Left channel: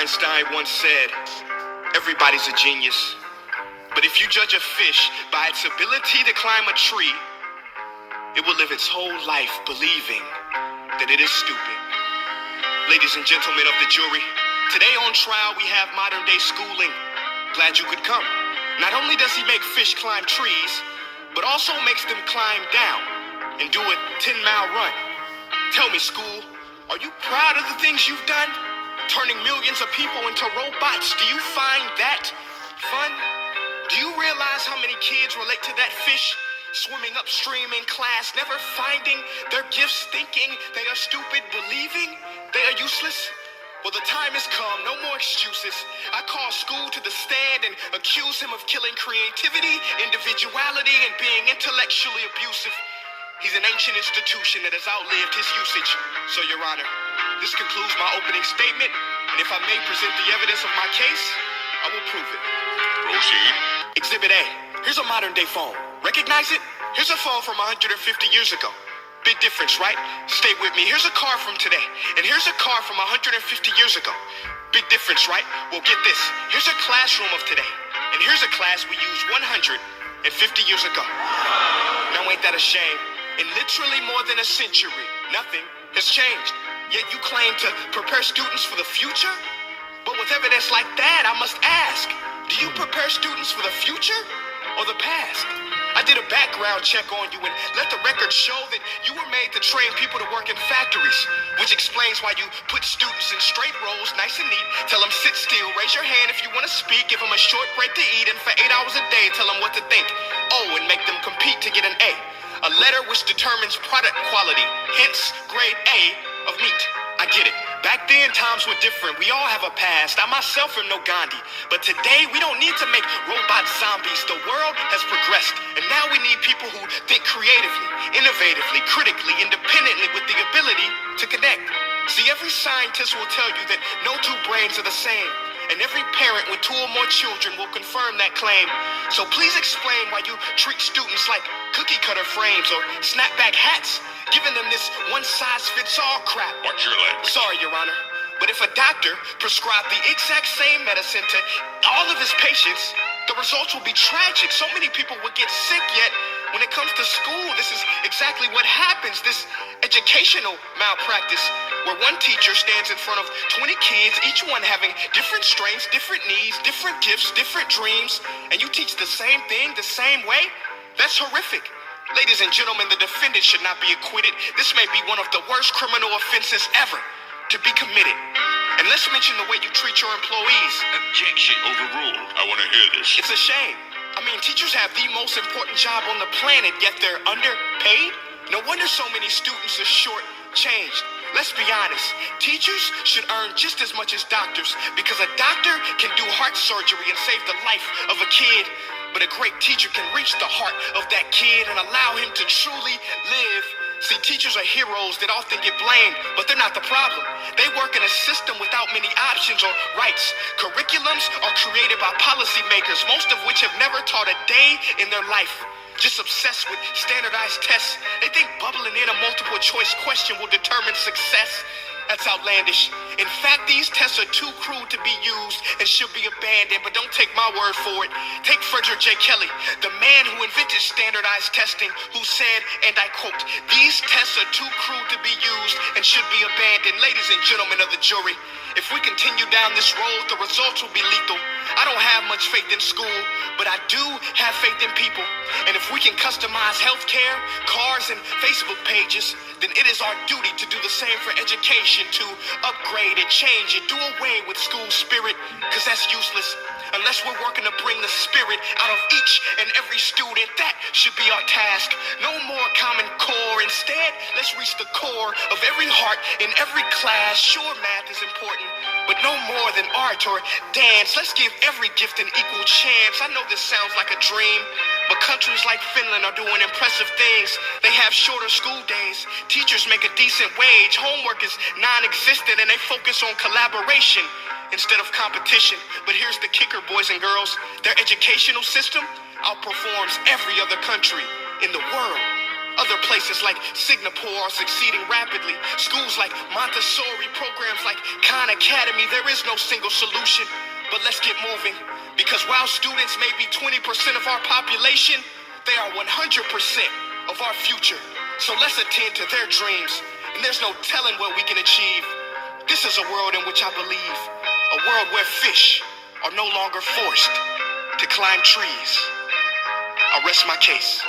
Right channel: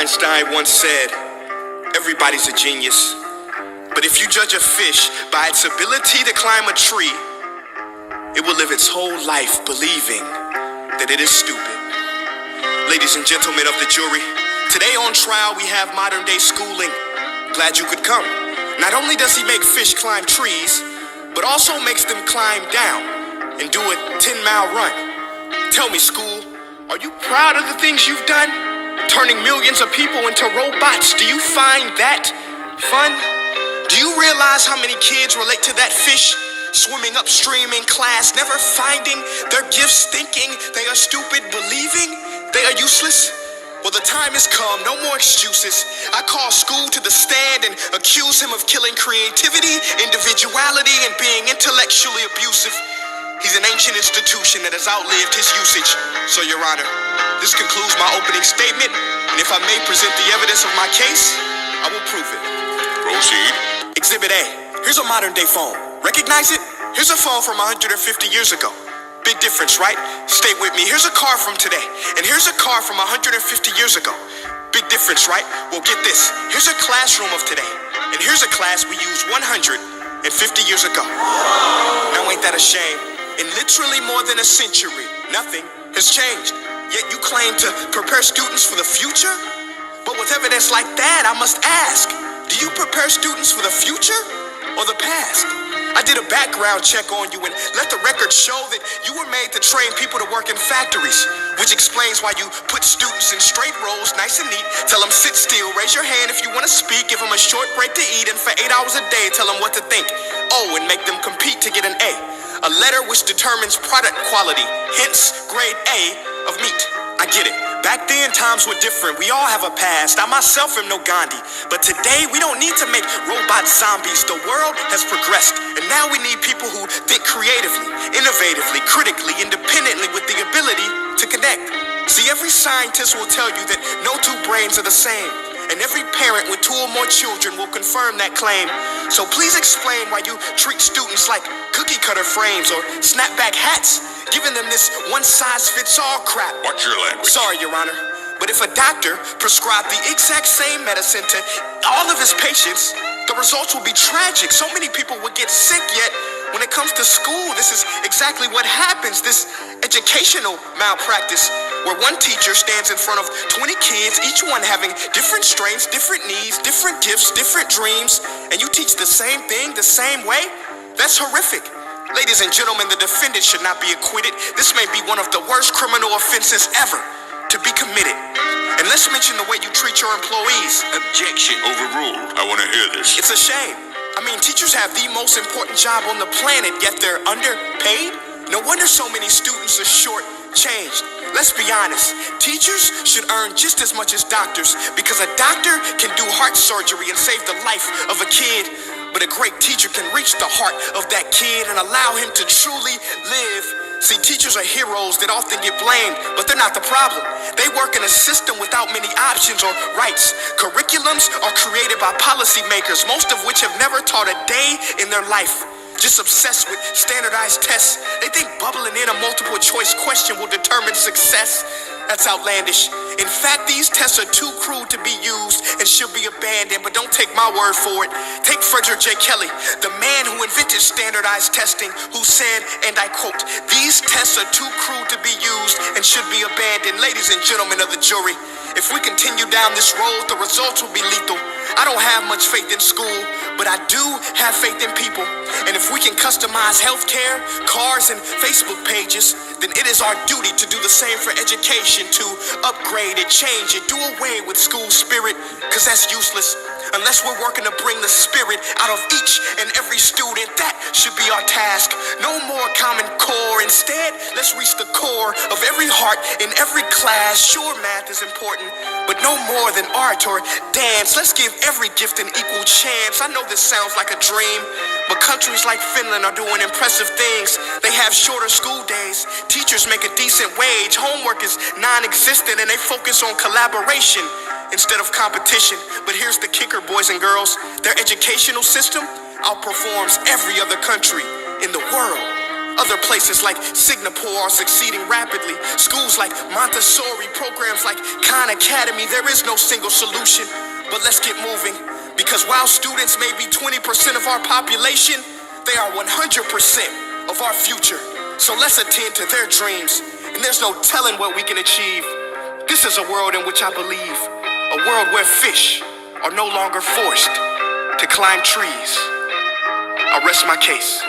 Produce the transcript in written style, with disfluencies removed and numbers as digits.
Einstein once said, everybody's a genius. But if you judge a fish by its ability to climb a tree, it will live its whole life believing that it is stupid. Ladies and gentlemen of the jury, today on trial we have modern day schooling. Glad you could come. Not only does he make fish climb trees, but also makes them climb down and do a 10-mile run. Tell me, school, are you proud of the things you've done? Turning millions of people into robots, do you find that fun? Do you realize how many kids relate to that fish swimming upstream in class, never finding their gifts, thinking they are stupid, believing they are useless? Well, the time has come, no more excuses. I call school to the stand and accuse him of killing creativity, individuality, and being intellectually abusive. He's an ancient institution that has outlived his usage. So, Your Honor, this concludes my opening statement, and if I may present the evidence of my case, I will prove it. Proceed. Exhibit A. Here's a modern day phone. Recognize it? Here's a phone from 150 years ago. Big difference, right? Stay with me. Here's a car from today, and here's a car from 150 years ago. Big difference, right? Well, get this. Here's a classroom of today, and here's a class we used 150 years ago. Now, ain't that a shame? In literally more than a century, nothing has changed. Yet you claim to prepare students for the future? But with evidence like that, I must ask, do you prepare students for the future or the past? I did a background check on you and let the record show that you were made to train people to work in factories, which explains why you put students in straight rows, nice and neat, tell them sit still, raise your hand if you want to speak, give them a short break to eat, and for 8 hours a day, tell them what to think. Oh, and make them compete to get an A. A letter which determines product quality, hence grade A of meat. I get it. Back then, times were different. We all have a past. I myself am no Gandhi. But today, we don't need to make robot zombies. The world has progressed. And now we need people who think creatively, innovatively, critically, independently, with the ability to connect. See, every scientist will tell you that no two brains are the same. And every parent with 2 or more children will confirm that claim. So please explain why you treat students like cookie cutter frames or snapback hats, giving them this one-size-fits-all crap. Watch your language. Sorry, Your Honor, but if a doctor prescribed the exact same medicine to all of his patients, the results will be tragic. So many people would get sick, yet when it comes to school, this is exactly what happens. This educational malpractice where one teacher stands in front of 20 kids, each one having different strengths, different needs, different gifts, different dreams, and you teach the same thing the same way? That's horrific. Ladies and gentlemen, the defendant should not be acquitted. This may be one of the worst criminal offenses ever to be committed. And let's mention the way you treat your employees. Objection. Overruled. I want to hear this. It's a shame. I mean, teachers have the most important job on the planet, yet they're underpaid? No wonder so many students are short-changed. Let's be honest, teachers should earn just as much as doctors, because a doctor can do heart surgery and save the life of a kid, but a great teacher can reach the heart of that kid and allow him to truly live. See, teachers are heroes that often get blamed, but they're not the problem. They work in a system without many options or rights. Curriculums are created by policymakers, most of which have never taught a day in their life. Just obsessed with standardized tests. They think bubbling in a multiple choice question will determine success. That's outlandish. In fact, these tests are too crude to be used and should be abandoned, but don't take my word for it. Take Frederick J. Kelly, the man who invented standardized testing, who said, and I quote, "These tests are too crude to be used and should be abandoned." Ladies and gentlemen of the jury, if we continue down this road, the results will be lethal. I don't have much faith in school, but I do have faith in people. And if we can customize healthcare, cars, and Facebook pages, then it is our duty to do the same for education, to upgrade it, change it, do away with school spirit, because that's useless. Unless we're working to bring the spirit out of each and every student, that should be our task. No more Common Core. Instead, let's reach the core of every heart in every class. Sure, math is important, but no more than art or dance. Let's give every gift an equal chance. I know this sounds like a dream, but countries like Finland are doing impressive things. They have shorter school days. Teachers make a decent wage. Homework is non-existent, and they focus on collaboration instead of competition. But here's the kicker, boys and girls. Their educational system outperforms every other country in the world. Other places like Singapore are succeeding rapidly. Schools like Montessori, programs like Khan Academy. There is no single solution, but let's get moving. Because while students may be 20% of our population, they are 100% of our future. So let's attend to their dreams, and there's no telling what we can achieve. This is a world in which I believe, a world where fish are no longer forced to climb trees. I'll rest my case.